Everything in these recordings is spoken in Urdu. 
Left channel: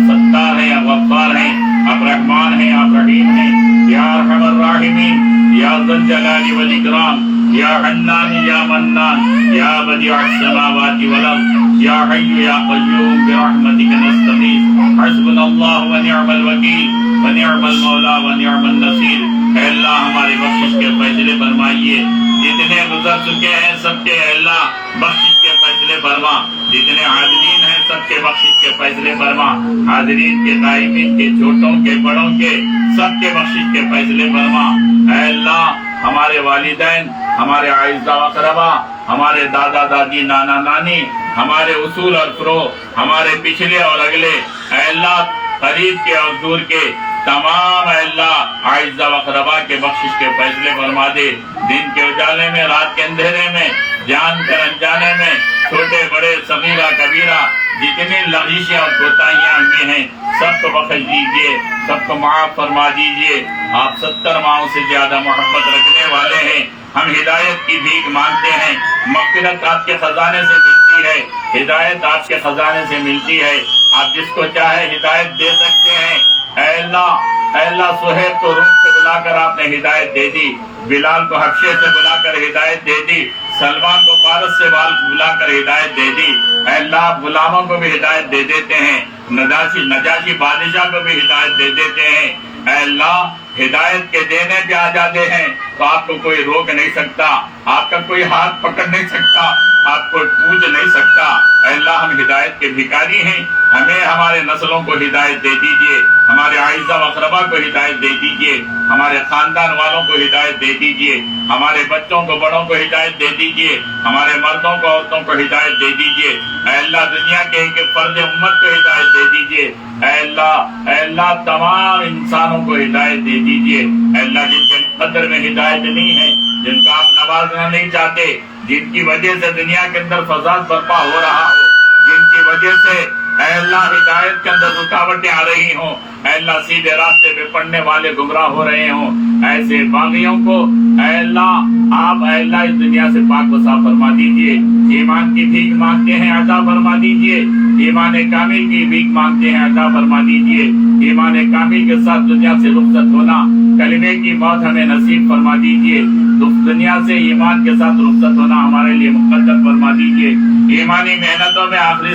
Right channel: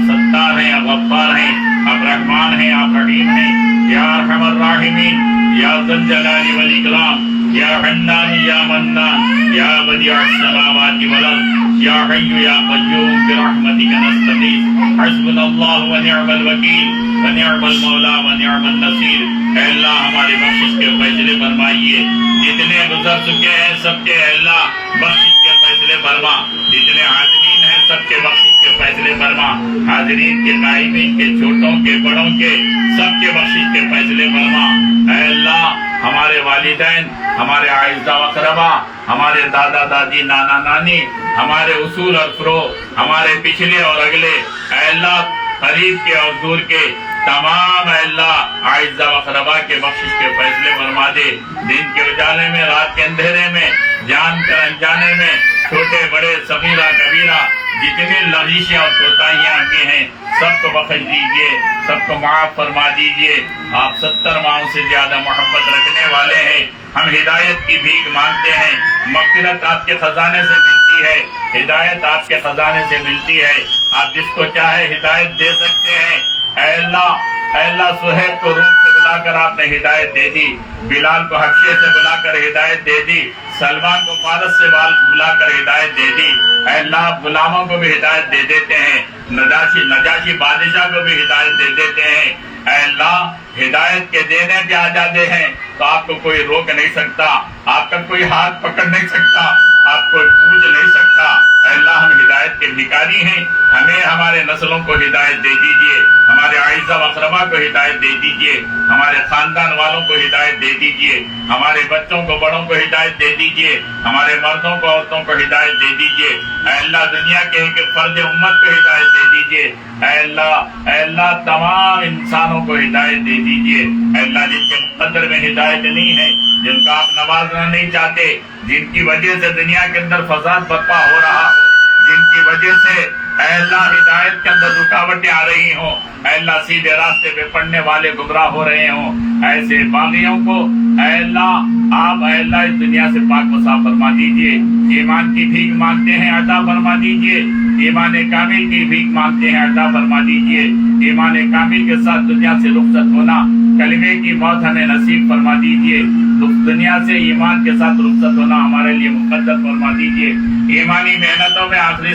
ستار ہیں، آپ غفار ہیں، آپ رحمان ہیں، آپ رحیم ہیں، یا ارحم الراحمین، یا ذا الجلال والاکرام، یا حنان یا منان، یا بدیع السماوات والارض، یا حی یا قیوم برحمتک نستغیث، حسبنا اللہ ونعم الوکیل ونعم المولا ونعم النصیر۔ اے اللہ ہماری بخشش کے فیصلے فرمائیے، جتنے گزر چکے ہیں سب کے اے اللہ بخشش کے فیصلے فرما، جتنے حاضرین ہیں سب کے بخشش کے فیصلے فرما، حاضرین کے قائمین کے چھوٹوں کے بڑوں کے سب کے بخشش کے فیصلے فرما۔ اے اللہ ہمارے والدین، ہمارے اعزاء و اقربا، ہمارے دادا دادی نانا نانی، ہمارے اصول اور فروع، ہمارے پچھلے اور اگلے، اے اللہ قریب کے اور دور کے تمام اے اللہ اعزاء و اقربا کے بخشش کے فیصلے فرما دے۔ دن کے اجالے میں، رات کے اندھیرے میں، جان کر انجانے میں، چھوٹے بڑے صغیرہ کبیرہ جتنی لغزشیں اور کوتاہیاں ہمیں ہیں سب کو بخش دیجئے، سب کو معاف فرما دیجئے۔ آپ 70 ماہوں سے زیادہ محبت رکھنے والے ہیں، ہم ہدایت کی بھیک مانگتے ہیں، مغفرت آپ کے خزانے سے ملتی ہے، ہدایت آپ کے خزانے سے ملتی ہے، آپ جس کو چاہے ہدایت دے سکتے ہیں۔ اے اللہ صہیب کو روم سے بلا کر آپ نے ہدایت دے دی، بلال کو حبشے سے بلا کر ہدایت دے دی، سلمان کو فارس سے بلا کر ہدایت دے دی۔ اے اللہ آپ غلاموں کو بھی ہدایت دے دیتے ہیں، نجاشی بادشاہ کو بھی ہدایت دے دیتے ہیں۔ اے اللہ ہدایت کے دینے پہ آزادے ہیں تو آپ کو کوئی روک نہیں سکتا، آپ کا کوئی ہاتھ پکڑ نہیں سکتا، آپ کو پوچھ نہیں سکتا۔ اے اللہ ہم ہدایت کے بھکاری ہیں، ہمیں ہمارے نسلوں کو ہدایت دے دیجئے، ہمارے اعزاء و اقربا کو ہدایت دے دیجئے، ہمارے خاندان والوں کو ہدایت دے دیجئے، ہمارے بچوں کو بڑوں کو ہدایت دے دیجئے، ہمارے مردوں کو عورتوں کو ہدایت دے دیجئے۔ اے اللہ دنیا کے ایک فرد امت کو ہدایت دے دیجئے۔ اے اللہ تمام انسانوں کو ہدایت دے دیجئے۔ اے اللہ جن کے مقدر میں ہدایت نہیں ہے، جن کا آپ نوازنا نہیں چاہتے، جن کی وجہ سے دنیا کے اندر فساد برپا ہو رہا ہو، جن کی وجہ سے اے اللہ ہدایت کے اندر رکاوٹیں آ رہی ہوں، اے اللہ سیدھے راستے پہ پڑنے والے گمراہ ہو رہے ہوں، ایسے باغیوں کو اے اللہ آپ اے اللہ اس دنیا سے پاک و صاف فرما دیجئے۔ ایمان کی بھیک مانگتے ہیں عطا فرما دیجئے، ایمان کامل کی بھیک مانگتے ہیں عطا فرما دیجئے۔ ایمان کامل کے ساتھ دنیا سے رخصت ہونا، کلمے کی موت ہمیں نصیب فرما دیجئے۔ دنیا سے ایمان کے ساتھ رخصت ہونا ہمارے لیے مقدر فرما دیجئے۔ ایمانی محنتوں میں آخری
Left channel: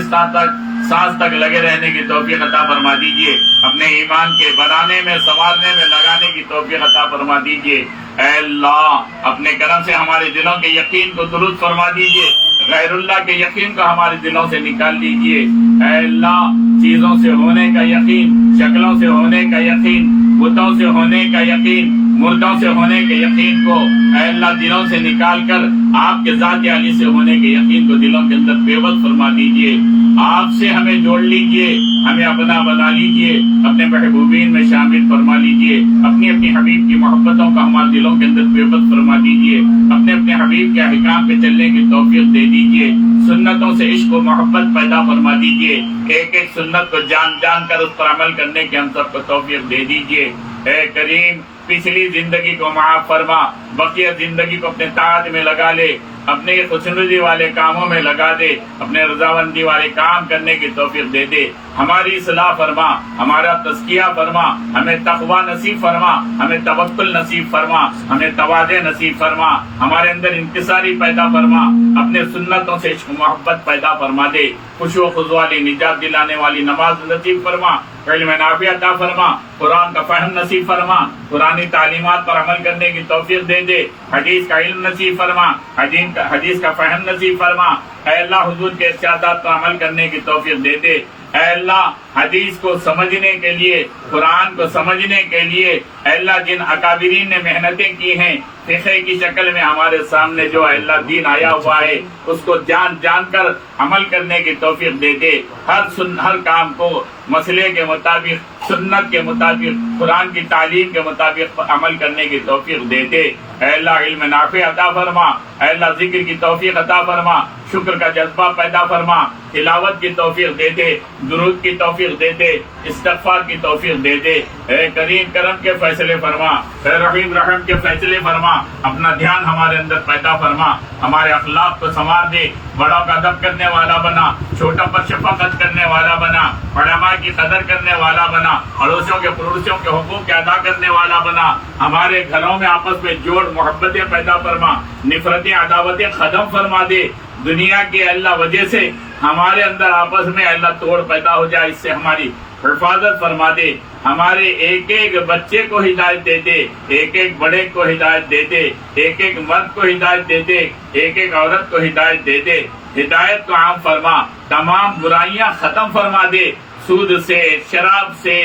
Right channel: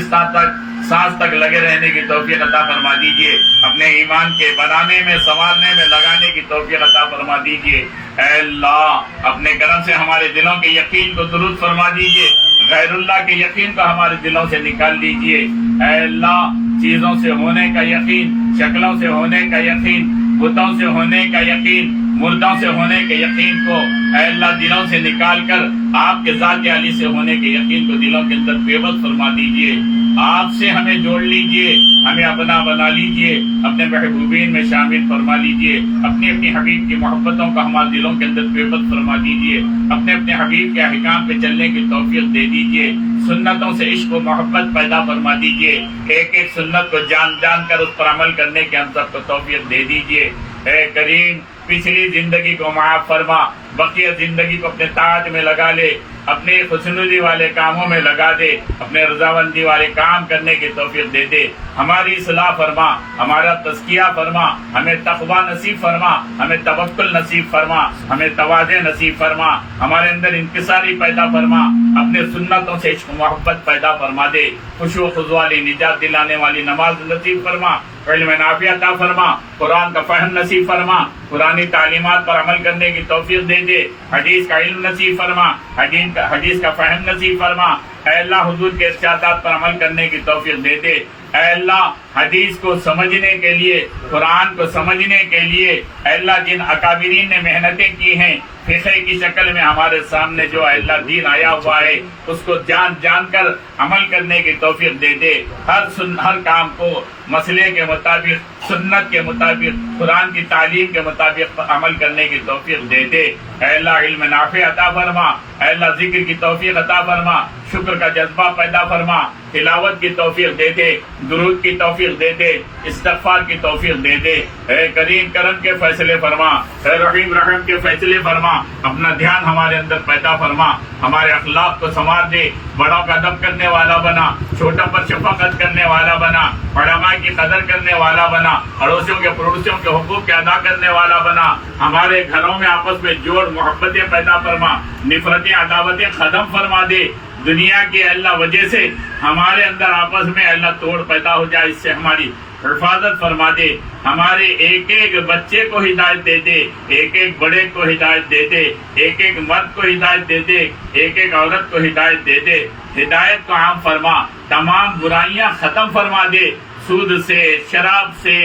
سانس تک لگے رہنے کی توفیق عطا فرما دیجئے، اپنے ایمان کے بنانے میں سنوارنے میں لگانے کی توفیق عطا فرما دیجئے۔ اے اللہ اپنے کرم سے ہمارے دلوں کے یقین کو درست فرما دیجئے، غیر اللہ کے یقین کو ہمارے دلوں سے نکال لیجئے۔ اے اللہ چیزوں سے ہونے کا یقین، شکلوں سے ہونے کا یقین، بتوں سے ہونے کا یقین، مردوں سے ہونے کے یقین کو اے اللہ دلوں سے نکال کر آپ کے ذات علی سے ہونے کے یقین کو دلوں کے اندر پیوست فرما دیجئے۔ آپ سے ہمیں جوڑ لیجئے، ہمیں اپنا بنا لیجئے، اپنے محبوبین میں شامل فرما لیجئے، اپنی حبیب کی محبتوں کا ہمارے دلوں کے اندر پیوست فرما دیجئے، اپنے حبیب کے احکام پہ چلنے کی توفیق دے دیجئے، سنتوں سے عشق و محبت پیدا فرما دیجئے، ایک ایک سنت کو جان جان کر اس پر عمل کرنے کی ہم سب کو توفیق دے دیجئے۔ اے کریم پچھلی زندگی کو معاف فرما، بقیہ زندگی کو اپنے طاعت میں لگا لے، اپنے خوشنودی والے کاموں میں لگا دے، اپنے رضامندی والے کام کرنے کی توفیق دے دے، ہماری اصلاح فرما، ہمارا تزکیہ فرما، ہمیں تقوی نصیب فرما، ہمیں توکل نصیب فرما، ہمیں تواضع نصیب فرما، ہمارے اندر انکساری پیدا فرما، اپنے سنتوں سے عشق محبت پیدا فرما دے، خشوع و خضوع والی نجات دلانے والی نماز نصیب فرما، علم نافع عطا فرما، قرآن کا فہم نصیب فرما، قرآنی تعلیمات پر عمل کرنے کی توفیق دے دے، حدیث کا علم نصیب فرما، حدیث کا فہم نصیب فرما، اے اللہ حضور کے ارشادات پر عمل کرنے کی توفیق دے دے۔ اے اللہ حدیث کو سمجھنے کے لیے، قرآن کو سمجھنے کے لیے اے اللہ جن اکابرین نے محنتیں کی ہیں، فقہ کی شکل میں ہمارے سامنے جو اے اللہ دین آیا ہوا ہے اس کو جان جان کر عمل کرنے کی توفیق دے دے، ہر کام کو مسئلے کے مطابق، سنت کے مطابق، قرآن کی تعلیم کے مطابق عمل کرنے کی توفیق دے دے۔ اے اللہ علم نافع عطا فرما، اے اللہ ذکر کی توفیق عطا فرما، شکر کا جذبہ پیدا فرما، تلاوت کی توفیق دے دے، درود کی توفیق دے دے، استغفار کی توفیق دے دے۔ اے کریم کرم کے فیصلے فرما، اے رحیم رحم کے فیصلے فرما، فرما, اپنا دھیان ہمارے اندر پیدا فرما, ہمارے اخلاق کو سنوار دے, بڑوں کا ادب کرنے والا بنا, چھوٹوں پر شفقت کرنے والا بنا, علماء کی قدر کرنے والا بنا, اڑوسیوں کے پڑوسیوں کے حقوق کے ادا کرنے والا بنا, ہمارے گھروں میں آپس میں جوڑ محبتیں پیدا فرما, نفرتیں عداوتیں ختم فرما دے. دنیا کی اللہ وجہ سے ہمارے اندر آپس میں اللہ توڑ پیدا ہو جائے, اس سے ہماری حفاظت فرما دے. ہمارے ایک ایک بچے کو ہدایت دے دے, ایک ایک بڑے کو ہدایت دے دے, ایک ایک مرد کو ہدایت دے دے, ایک ایک عورت کو ہدایت دے دے. ہدایت کو عام فرما, تمام برائیاں ختم فرما دے, سود سے, شراب سے,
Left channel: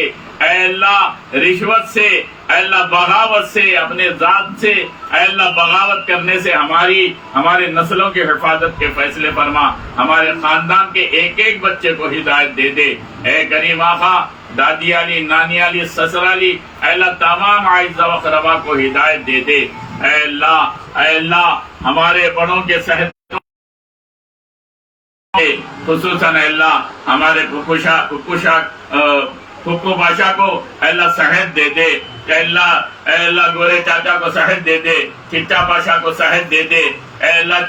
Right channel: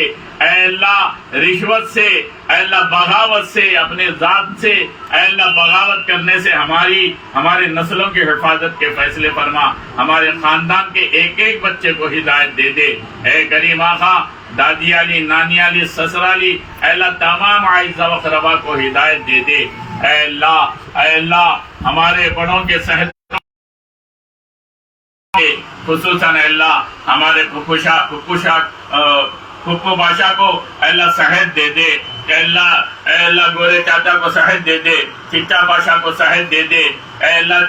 اے اللہ رشوت سے, اے اللہ بغاوت سے, اپنے ذات سے اے اللہ بغاوت کرنے سے ہماری نسلوں کی حفاظت کے فیصلے فرما. ہمارے خاندان کے ایک ایک بچے کو ہدایت دے دے. اے کریم آقا, دادی علی, نانی علی, سسرالی, اے اللہ تمام اعزاء و اقرباء کو ہدایت دے دے. اے اللہ ہمارے بڑوں کے صحت خصوصاً اے اللہ ہمارے پھپھو بادشاہ کو اے اللہ صحت دے دے. اے اللہ گورے چاچا کو صحت دے دے, چچا بادشاہ کو صحت دے دے. اے اللہ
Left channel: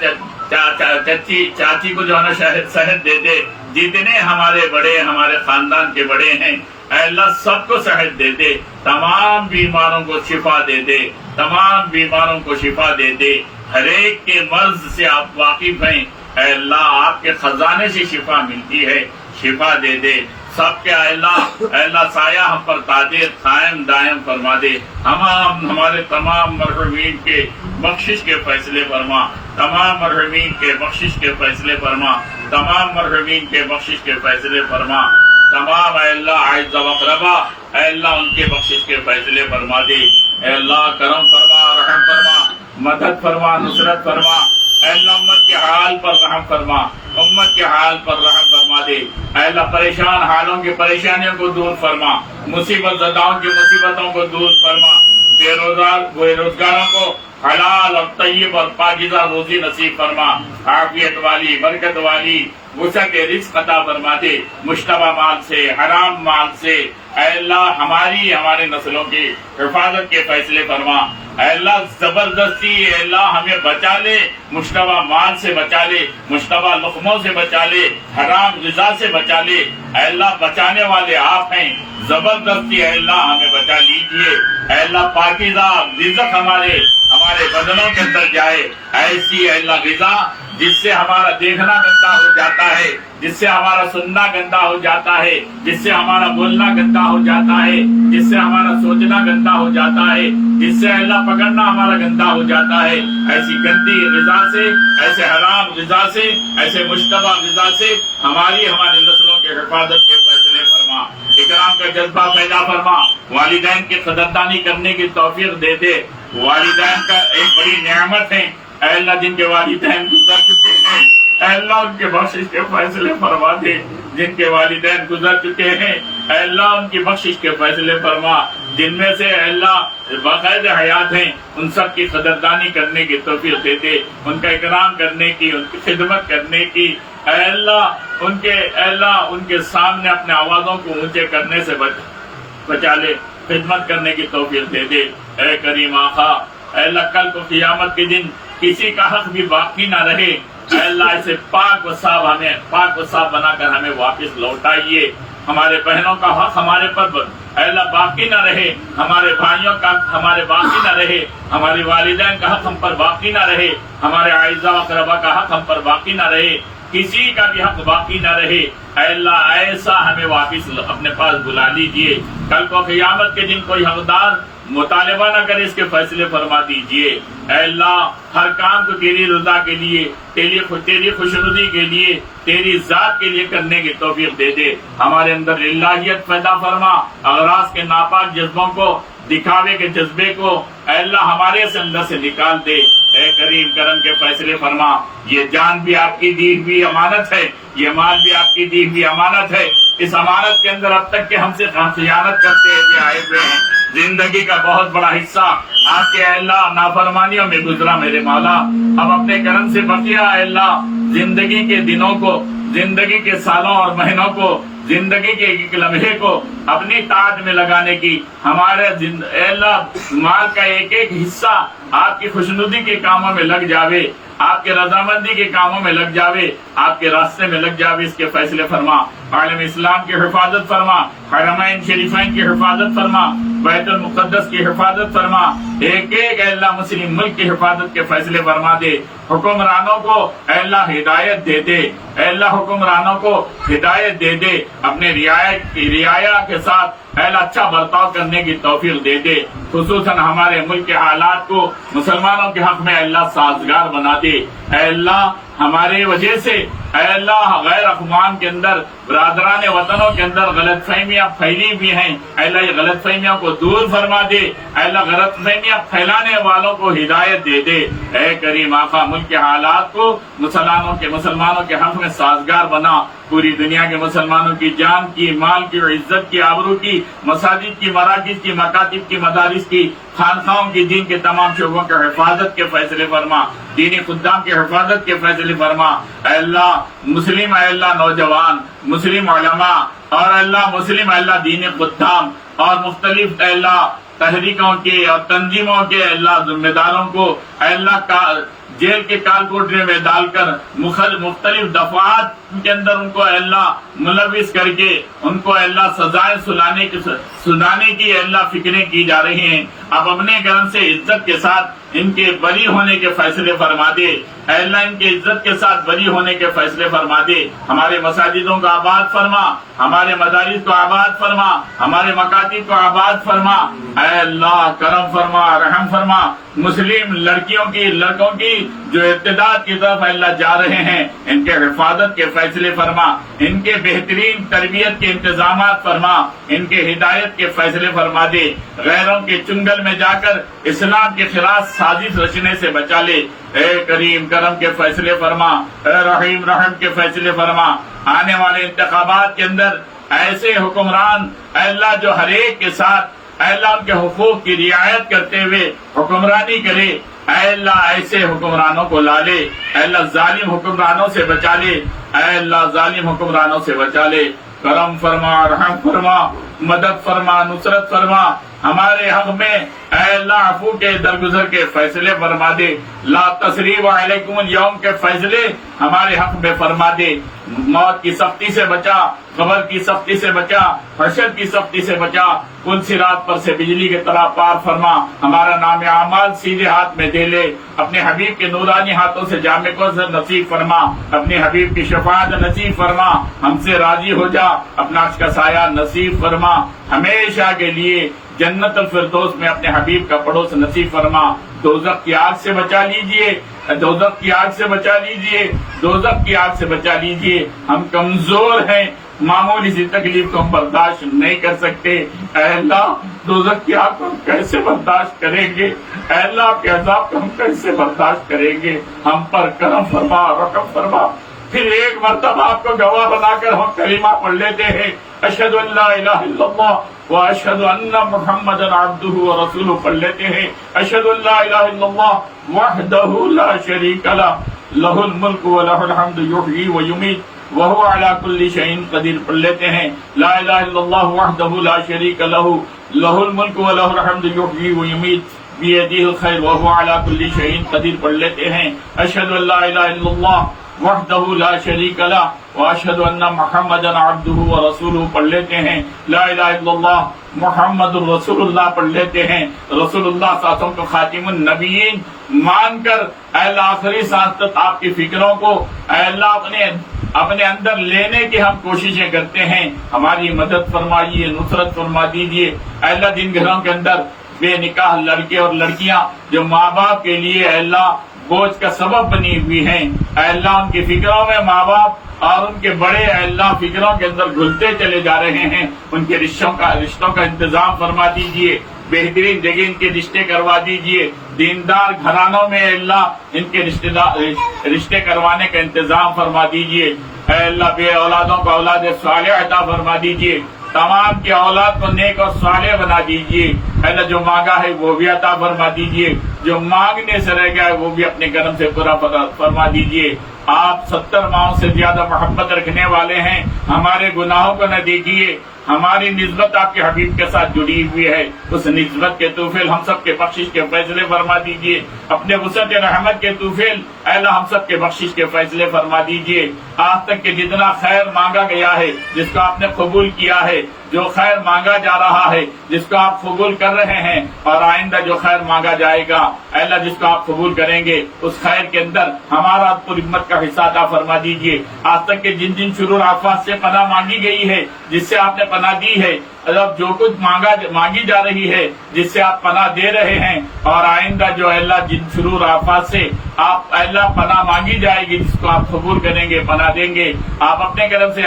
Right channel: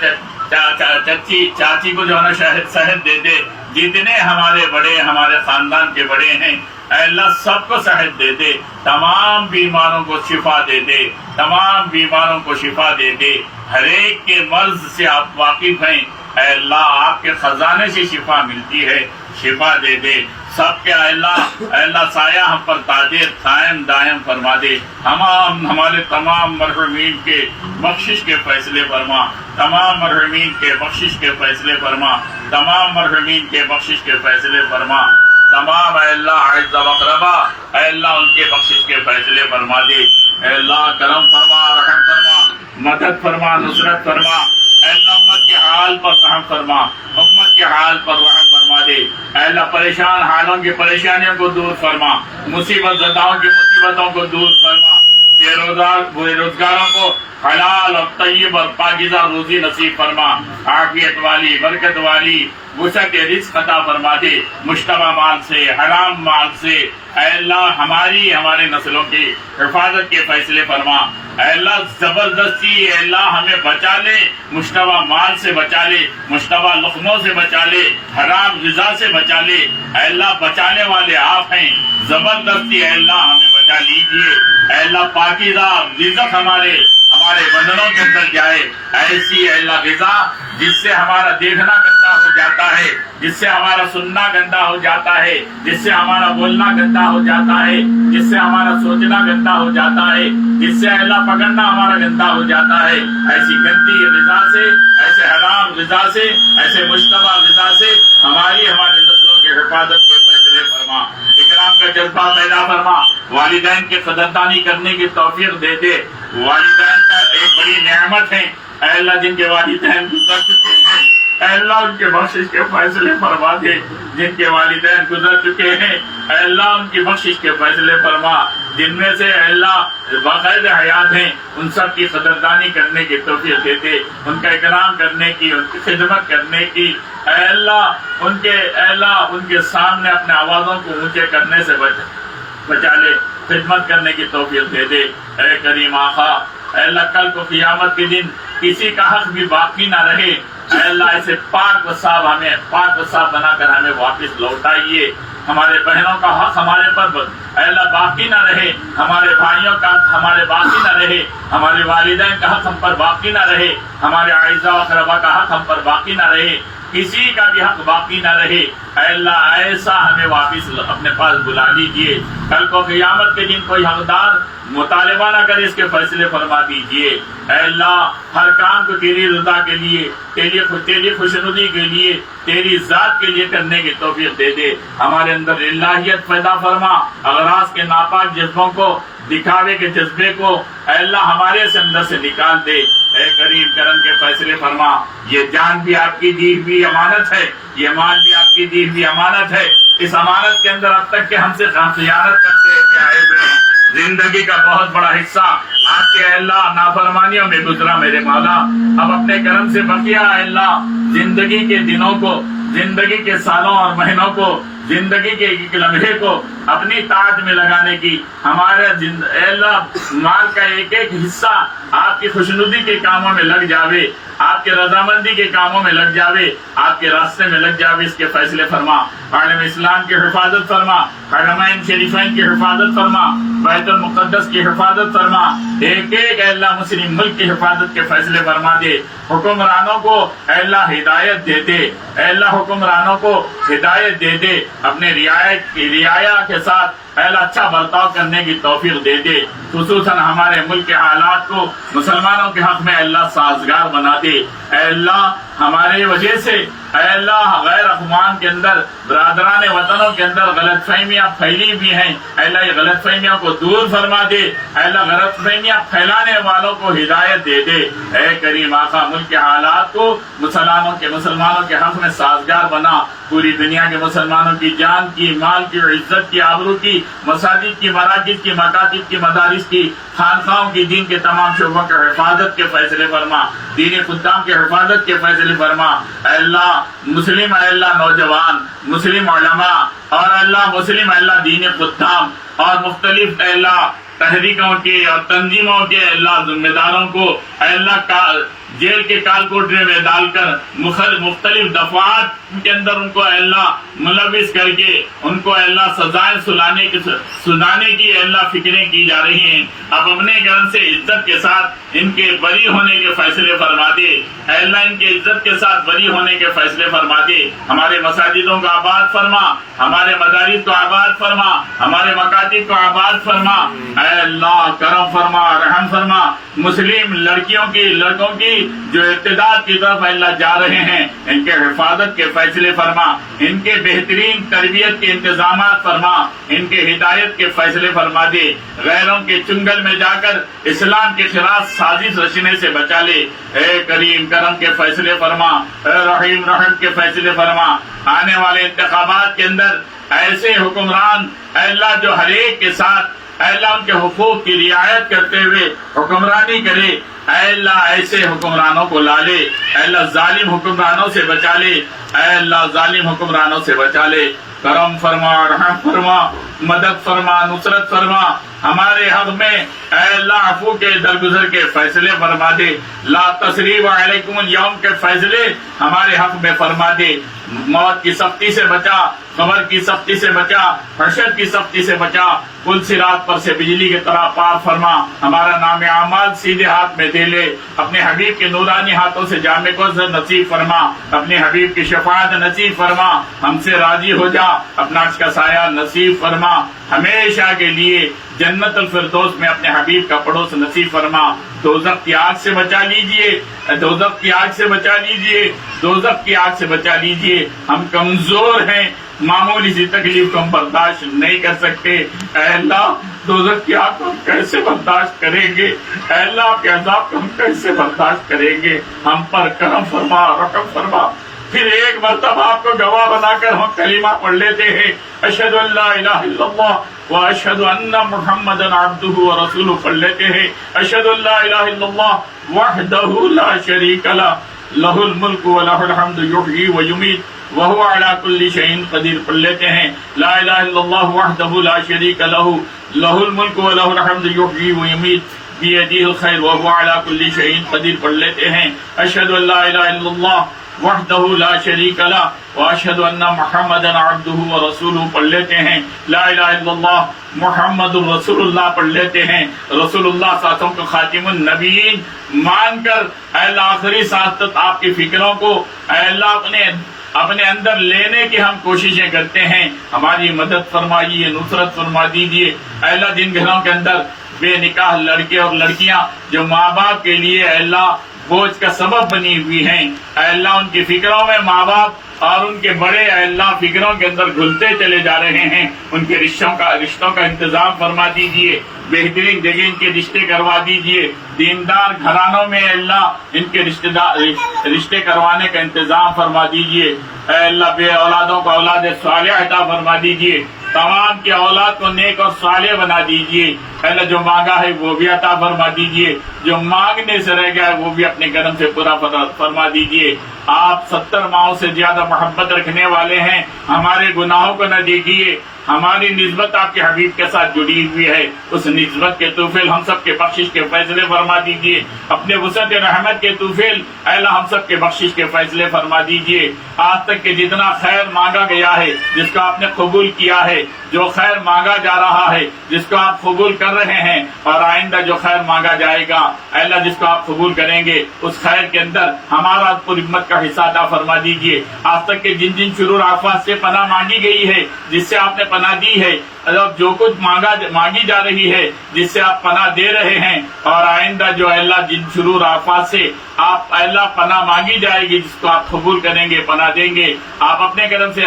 چاچی کو جو ہے نا صحت دے دے. جتنے ہمارے بڑے ہمارے خاندان کے بڑے ہیں اے اللہ سب کو صحت دے دے. تمام بیماروں کو شفا دے دے, تمام بیماروں کو شفا دے دے. ہر ایک کے مرض سے آپ واقف ہیں اے اللہ, آپ کے خزانے سے شفا ملتی ہے, شفا دے دے. سب کے اے اللہ سایہ ہم پر تاجر قائم دائم فرما دے. ہمارے تمام مرحومین کے بخشش کے فیصلے فرما, تمام مرحومین کے بخشش کے فیصلے فرما, تمام مرحومین کے بخشش کے فیصلے فرما. تمام اے اللہ اعزاء و اقرباء اے اللہ ان کے بخشش کے فیصلے فرما دے. اے اللہ کرم فرما, رحم فرما, مدد فرما, نصرت فرما. اے اللہ امت کے حال پر رحم فرما, امت کے حال پر رحم فرما دے. اے اللہ پریشان حالوں کی پریشانیوں کو دور فرما, مصیبت زداؤں کی مصیبتوں کو دور فرما. بے روزگاروں کو حلال اور طیب اور پاکیزہ روزی نصیب فرما. عافیت والی, برکت والی, وسعت رزق عطا فرما دے. مشتبہ مال سے, حرام مال سے اے اللہ ہمارے نسلوں کی حفاظت کے فیصلے فرما. اے اللہ زبردستی اے اللہ ہمیں بچا لے, مشتبہ مال سے بچا لے, مشتبہ لقموں سے بچا لے, حرام غذا سے بچا لے. اے اللہ بچانے والے آپ ہیں, زبردستی اے اللہ ہمیں بچا لیجئے. اے اللہ پاکیزہ رزق ہمارے بدنوں کے اندر جائے, ایسی اے اللہ غذا جس سے ہمارا دیکھنا گندا ہو جاتا ہے, جس سے ہمارا سننا گندا ہو جاتا ہے, جس سے ہمارا بولنا گندا ہو جاتا ہے, جس سے ہمارا سوچنا گندا ہو جاتا ہے, جس سے اللہ پکڑنا ہمارا گندا ہو جاتا ہے. ایسی گندی غذا سے, ایسے حرام غذا سے, ایسے مشتبہ غذا سے ہمارے نسلوں کی حفاظت کے فیصلے فرما. اکرام کا جذبہ پیدا فرما, والدین کی قدردانی کرنے کی توفیق دے دے. والدین کا ایک بڑی نعمت ہے اے اللہ, جن کے والدین گزر چکے ہیں اے اللہ ان کے بخشش کے فیصلے فرما دے. جن کے والدین گزر چکے ہیں اے اللہ ان کی بخشش کے فیصلے فرما. جن میں سے اے اللہ باقاعد حیات ہیں ان سب کی قدردانی کرنے کی توفیق دے دے, ان کا اکرام کرنے کی, ان کی خدمت کرنے کی. اے اللہ ان کے سامنے اپنے آوازوں کو اونچے کرنے سے بچا لے, خدمت کرنے کی توفیق دے دے. اے کریم آقا اے اللہ کل کو قیامت کے دن کسی کا حق بھی باقی نہ رہے. اے اللہ ایسے پاک و صاف بنا کر ہمیں واپس لوٹائیے. ہمارے بہنوں کا حق ہمارے پر اے اللہ باقی نہ رہے, ہمارے بھائیوں کا حق ہمارے باقی نہ رہے, ہمارے والدین کا حق ہم پر باقی نہ رہے, ہمارے اعزاء و اقرباء کا حق ہم پر باقی نہ رہے, کسی کا بھی حق باقی نہ رہے. اے اللہ ایسا ہمیں واپس اپنے پاس بلا لیجیے. کل کو قیامت کے دن کوئی حقدار مطالبہ نہ کرے, اس کے فیصلے فرما دیجیے. اے اللہ ہر کام کو تیری رضا کے لیے, تیری خوشنودی کے لیے, تیری ذات کے لیے کرنے کی توفیق دے دے. ہمارے اندر الہیت پیدا فرما, اغراض کے ناپاک جذبوں کو, دکھاوے کے جذبے کو اے اللہ ہمارے سے اندر سے نکال دے. اے کریم کرم کے فیصلے فرما. یہ جان بھی آپ کی دی ہوئی امانت ہے, یہ مال بھی آپ کی دی ہوئی امانت ہے. اس امانت کے اندر اب تک کہ ہم سے خیانت کرتے ہوئے آئے ہوئے ہیں. زندگی کا بہت بڑا حصہ آپ کے اے اللہ نافرمانیوں میں گزرا میرے مولا. اب اپنے کرم سے بقیہ اے اللہ زندگی کے دنوں کو, زندگی کے سالوں اور مہینوں کو, زندگی کے ایک لمحے کو اپنی طاعت میں لگانے کی، ہمارے اے اللہ مال کا ایک ایک حصہ آپ کی خوشنودی کے کاموں میں لگ جاوے، آپ کے رضامندی کے کاموں میں لگ جاوے، آپ کے راستے میں لگ جاوے، اس کے فیصلے فرما، عالم اسلام کی حفاظت فرما، حرمین شریفین کی حفاظت فرما، بیت المقدس کی حفاظت فرما، ایک ایک اے اللہ مسلم ملک کی حفاظت کے فیصلے فرما دے، حکمرانوں کو اے اللہ ہدایت دے دے، اے اللہ حکمرانوں کو ہدایت دے دے، اپنے رعایا کے ساتھ اے اللہ اچھا برتاؤ کرنے کی توفیق دے دے، خصوصاً ہمارے ملک کے حالات کو مسلمانوں کے حق میں اے اللہ سازگار بنا دے، اے اللہ ہمارے وجہ سے اے اللہ غیر اقوام کے اندر برادران وطنوں کے اندر غلط فہمیاں پھیلی بھی ہیں، اے اللہ یہ غلط فہمیوں کو دور فرما دے، اے اللہ غلط فہمیاں پھیلانے والوں کو ہدایت دے دے، اے کریم آقا ملک کے حالات کو مسلمانوں کے حق میں سازگار بنا، پوری دنیا کے مسلمانوں کی جان کی، مال کی، عزت کی، آبرو کی، مساجد کی، مراکز کی، مکاتب کی، مدارس کی، خانقاہوں کی، دین کے تمام شعبوں کے حفاظت کے فیصلے فرما، دینی خدام کے حفاظت کے فیصلے فرما، اے اللہ مسلم اے اللہ نوجوان، مسلم علماء اور اے اللہ مسلم اے اللہ دینی خدام اور مختلف اے اللہ تحریکوں کے اور تنظیموں کے اے اللہ ذمہ داروں کو اے اللہ جیل کے کال کوٹری میں ڈال کر مختلف دفعات کے اندر ان کو اے اللہ ملوث کر کے ان کو اے اللہ سزائیں سنانے کی اے اللہ فکریں کی جا رہی ہیں، اب اپنے کرم سے عزت کے ساتھ ان کے بری ہونے کے فیصلے فرما دے، اے اللہ ان کے عزت کے ساتھ بری ہونے کے فیصلے فرما دے، ہمارے مساجدوں کو آباد فرما، ہمارے مدارس کو آباد فرما، ہمارے مکاتب کو آباد فرما، اے اللہ کرم فرما، رحم فرما، مسلم لڑکوں کی جو ارتداد کی طرف اللہ جا رہے ہیں ان کے حفاظت کے فیصلے فرما، ان کے بہترین تربیت کے انتظامات فرما، ان کے ہدایت کے فیصلے فرما دے، غیروں کے چنگل میں جا کر اسلام کے خلاف سازش رچنے سے بچا لے، اے کریم کرم کے فیصلے فرما، اے رحیم رحم کے فیصلے فرما، آنے والے انتخابات کے اندر ایسے حکمران اے اللہ جو ہر ایک کے ساتھ اے اللہ ان کے حقوق کی رعایت کرتے ہوئے حکمرانی کرے، اے اللہ ایسے حکمرانوں کو لا لے، اے اللہ ظالم حکمرانوں سے بچا لے، اے اللہ ظالم حکمرانوں سے بچا لے، کرم فرما، رحم فرما، مدد فرما، نصرت فرما، ہمارے حق میں اے اللہ عفو کے درگزر کے فیصلے فرما دے، لا تثریب علیکم اليوم کے فیصلے ہمارے حق میں فرما دے، موت کی سختی سے بچا، قبر کی سختی سے بچا، حشر کی سختی سے بچا، پل صراط پر سے بجلی کی طرح پار فرما، ہمارا نام اعمال سیدھے ہاتھ میں دے لے، اپنے حبیب کے نورانی ہاتھوں سے جامع کوثر نصیب فرما، اپنے حبیب کی شفاعت نصیب فرما، ہم سے راضی ہو جا، اپنا عرش کا سایہ نصیب فرما، ہمیشہ کے لیے جنت الفردوس میں اپنے حبیب کا پڑوس نصیب فرما، دوزخ کی آگ سے بچا لیجئے، دوزخ کی آگ سے بچا لیجئے، دوزخ کی آگ سے بچا لیجئے، ہم کمزور ہیں، معمولی سی تکلیف کو ہم برداشت نہیں کر سکتے، اے اللہ دوزخ کی آگ کو ہم کیسے برداشت کریں گے، اے اللہ آپ کے عذاب کو ہم کیسے برداشت کریں گے، ہم پر کرم فرما، رحم فرما، پھر ایک مرتبہ آپ کو گواہ بنا کر ہم کلمہ پڑھ لیتے ہیں، اشہد ان لا الہ الا اللہ واشہد ان محمدا عبدہ ورسولہ پڑھ لیتے ہیں، اشہد ان لا الہ الا اللہ وحدہ لا شریک لہ لہ الملک ولہ الحمد یحیی ویمیت وہو علی کل شیء قدیر پڑھ لیتے ہیں، لا الہ الا اللہ وحدہ لا شریک لہ لہ الملک ولہ الحمد یحیی ویمیت بیدہ الخیر وہو علی کل شیء قدیر پڑھ لیتے ہیں، اشہد ان لا الہ الا اللہ وحدہ لا شریک لہ واشہد ان محمدا عبدہ ورسولہ پڑھ لیتے ہیں، لا الہ الا اللہ محمد الرسول اللہ پڑھ لیتے ہیں، رسول اللہ صلی اللہ علیہ وسلم کو خاتم النبیین مان کر اے اللہ آخری سانس تک آپ کی فکروں کو اے اللہ اپنے اندر لینے کی ہم کوششیں کرتے ہیں، ہماری مدد فرمائیے، نصرت فرما دیجیے، اے اللہ جن گھروں کے اندر بے نکاح لڑکے اور لڑکیاں جو ماں باپ کے لیے اے اللہ بوجھ کا سبب بنی ہوئی ہیں، اے اللہ ان کی فکروں میں ماں باپ اور ان کے بڑے اے اللہ فکروں کے اندر گھلتے چلے جا رہے ہیں، ان کے رشتوں کا انتظام فرما دیجئے، بہترین جگہ ان کے رشتے کروا دیجئے، دیندار گھرانوں میں اے اللہ ان کے رشتے کروانے کا انتظام فرما دیجئے، اے اللہ بے اولادوں کو اولاد صالح عطا فرما دیجئے، تمام کی اولاد کو نیک اور صالح بنا دیجئے، اے اللہ جو مانگا ہے وہ بھی عطا فرما دیجئے، جو مانگنے سے رہ گیا ہے وہ بھی اپنے کرم سے پورا فرما دیجئے، آپ 70 ماؤں سے زیادہ محبت رکھنے والے ہیں، ہمارے گناہوں کو نہ دیکھیے، ہماری نسبت آپ کے حبیب کے ساتھ جڑی ہوئی ہے، اس نسبت کے توفیل ہم سب کے بخشش کے فیصلے فرما دیجیے، اپنے وسعت رحمت کے توفیل اے اللہ ہم سب کے بخشش کے فیصلے فرما دیجیے۔ آج تک کے جتنا خیر مانگا گیا ہے، جس کو آپ نے قبول کیا ہے، جو خیر مانگا جا رہا ہے جس کو آپ قبول کر رہے ہیں، اور آئندہ جو خیر مانگا جائے گا اے اللہ جس کو آپ قبول کریں گے، اس خیر کے اندر ہمارا پوری امت کا حصہ عطا فرما دیجیے۔ آج تک کے جن جن شرور آفات سے پناہ مانگی گئی ہے، جس سے آپ نے پناہ دی ہے، جو کچھ مانگی جا رہی ہے، جس سے آپ پناہ دے رہے ہیں، اور آئندہ جو اللہ جن شرور آفات سے آپ اللہ پناہ مانگی جائے گی، جس کو آپ قبول کریں گے، پناہ دیں گے، آپ اپنے کرم سے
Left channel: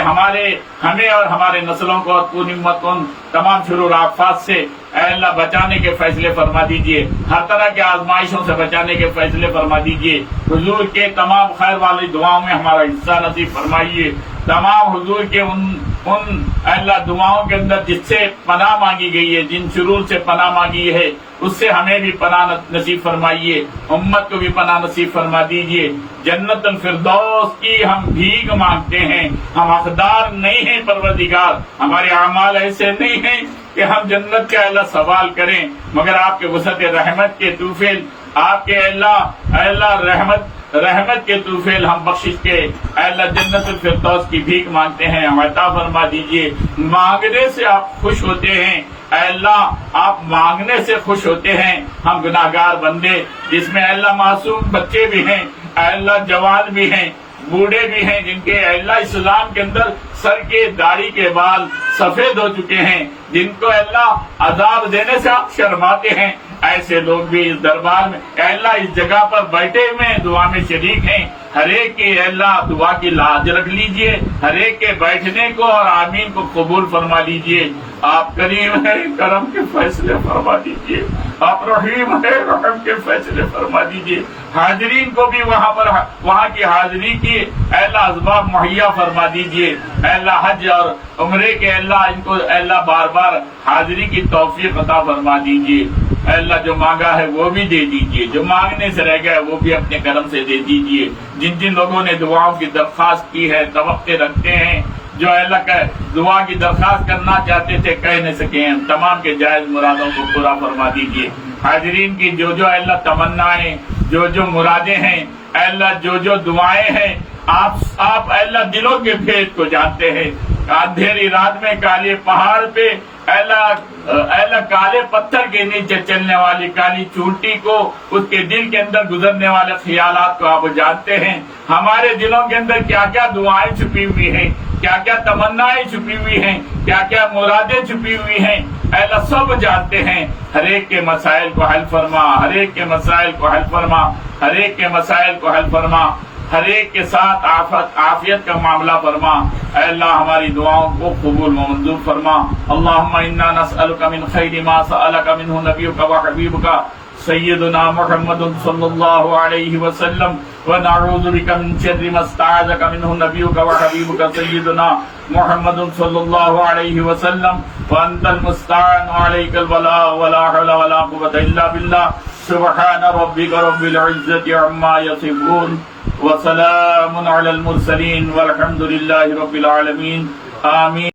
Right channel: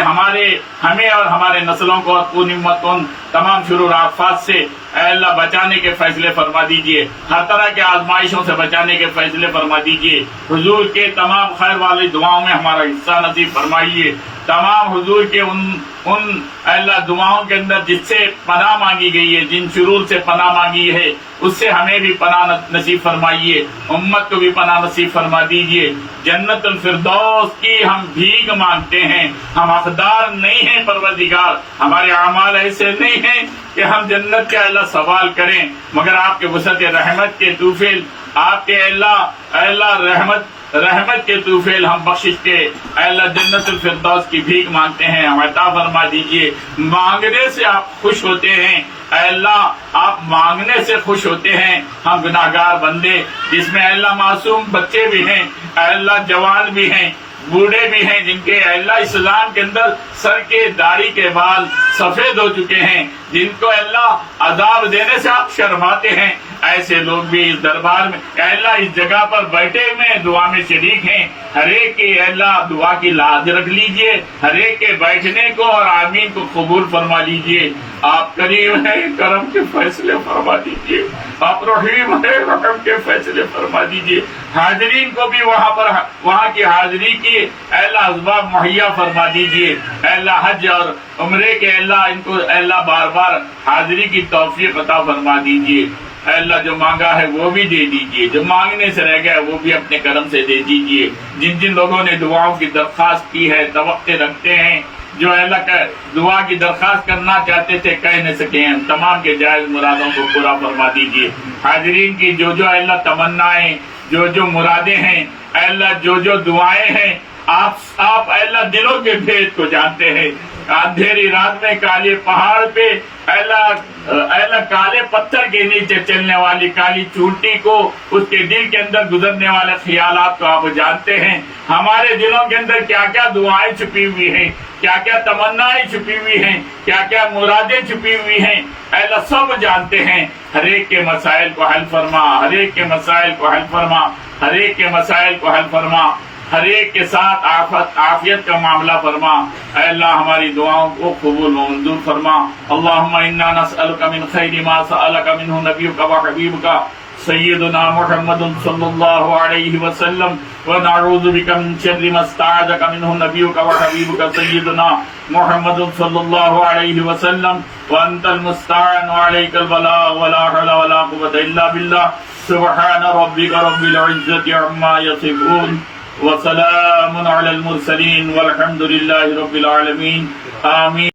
ہمیں اور ہمارے نسلوں کو اور پوری امت کو تمام شرور آفات سے اے اللہ بچانے کے فیصلے فرما دیجئے، ہر طرح کے آزمائشوں سے بچانے کے فیصلے فرما دیجئے۔ حضور کے تمام خیر والی دعاؤں میں ہمارا حصہ نصیب فرمائیے، تمام حضور کے ان اللہ دعاؤں کے اندر جس سے پناہ مانگی گئی ہے، جن شرور سے پناہ مانگی ہے، اس سے ہمیں بھی پناہ نصیب فرمائیے، امت کو بھی پناہ نصیب فرما دیجئے۔ جنت الفردوس کی ہم بھیک مانگتے ہیں، ہم حقدار نہیں ہیں پروردگار، ہمارے اعمال ایسے نہیں ہیں کہ ہم جنت کے اللہ سوال کریں، مگر آپ کے وسعت رحمت کے توفیل، آپ کے اللہ رحمت کے توفیل ہم بخشش کے اے اللہ جنت الفردوس کی بھیک مانگتے ہیں، ہم عطا فرما دیجئے۔ مانگنے سے آپ خوش ہوتے ہیں اے اللہ، آپ مانگنے سے خوش ہوتے ہیں، ہم گناہگار بندے جس میں اے اللہ معصوم بچے بھی ہیں، اے اللہ جوان بھی ہیں، بوڑھے بھی ہیں، جن کے اے اللہ اسلام کے اندر سر کے داڑھی کے بال سفید ہو چکے ہیں، جن کو اے اللہ عذاب دینے سے آپ شرماتے ہیں، ایسے لوگ بھی اس دربار میں اے اللہ اس جگہ پر بیٹھے ہوئے دعا میں شریک ہیں، ہر ایک کے اے اللہ دعا کی لاج رکھ لیجئے، ہر ایک کے بیٹھنے کو اور آمین کو قبول فرما لیجئے۔ آپ کریم ہے، کرم کے فیصلے فرما دیجئے، آپ رحیم ہے، رحم کے فیصلے فرما دیجئے۔ حاضرین کو بھی وہاں کی حاضری کی اے اللہ اسباب مہیا فرما دیجئے، اے اللہ حج اور عمرے کے اے اللہ ان کو اے اللہ بار بار حاضری کی توفیق عطا فرما دیجئے۔ اے اللہ جو مانگا ہے وہ بھی دے دیجئے، جو مانگنے سے رہ گیا وہ بھی اپنے کرم سے دے دیجئے۔ جن جن لوگوں نے دعاؤں کی درخواست کی ہے، توقع رکھتے ہیں، جو اے اللہ کا دعا کی درخواست کرنا چاہتے تھے کہہ نہیں سکے ہیں، تمام کے جائز مرادوں کو پورا فرما دیجئے۔ حاضرین کی جو اے اللہ تمنائیں، جو مرادیں ہیں، اے اللہ جو دعائیں ہیں، آپ اے اللہ دلوں کے بھید کو جانتے ہیں۔ اندھیری رات میں کالے پہاڑ پہ اے اللہ کالے پتھر کے نیچے چلنے والی کالی چونٹی کو، اس کے دل کے اندر گزرنے والے خیالات کو آپ جانتے ہیں۔ ہمارے دلوں کے اندر کیا کیا دعائیں چھپی ہوئی ہیں، کیا کیا تمنائیں چھپی ہوئی ہیں، کیا کیا مرادیں چھپی ہوئی ہیں، اے اللہ سب جانتے ہیں۔ ہر ایک کے مسائل کو حل فرما، ہر ایک کے مسائل کو حل فرما، ہر ایک کے مسائل کو حل فرما، ہر ایک کے ساتھ عافیت کا معاملہ فرما۔ اے اللہ ہماری دعاؤں کو قبول و منظور فرما۔ اللہم انا نسألک من خیر ما سألک منہ نبیک و حبیبک سیدنا محمد صلی اللہ علیہ وسلم، ونعوذ بک من شر ما استعاذک منہ نبیک و حبیبک سیدنا محمد صلی اللہ علیہ وسلم، وانت المستعان وعلیک البلاغ ولا حول ولا قوة الا باللہ۔ سبحان ربک رب العزة عما یصفون وسلام علی المرسلین والحمد للہ رب العالمین، آمین۔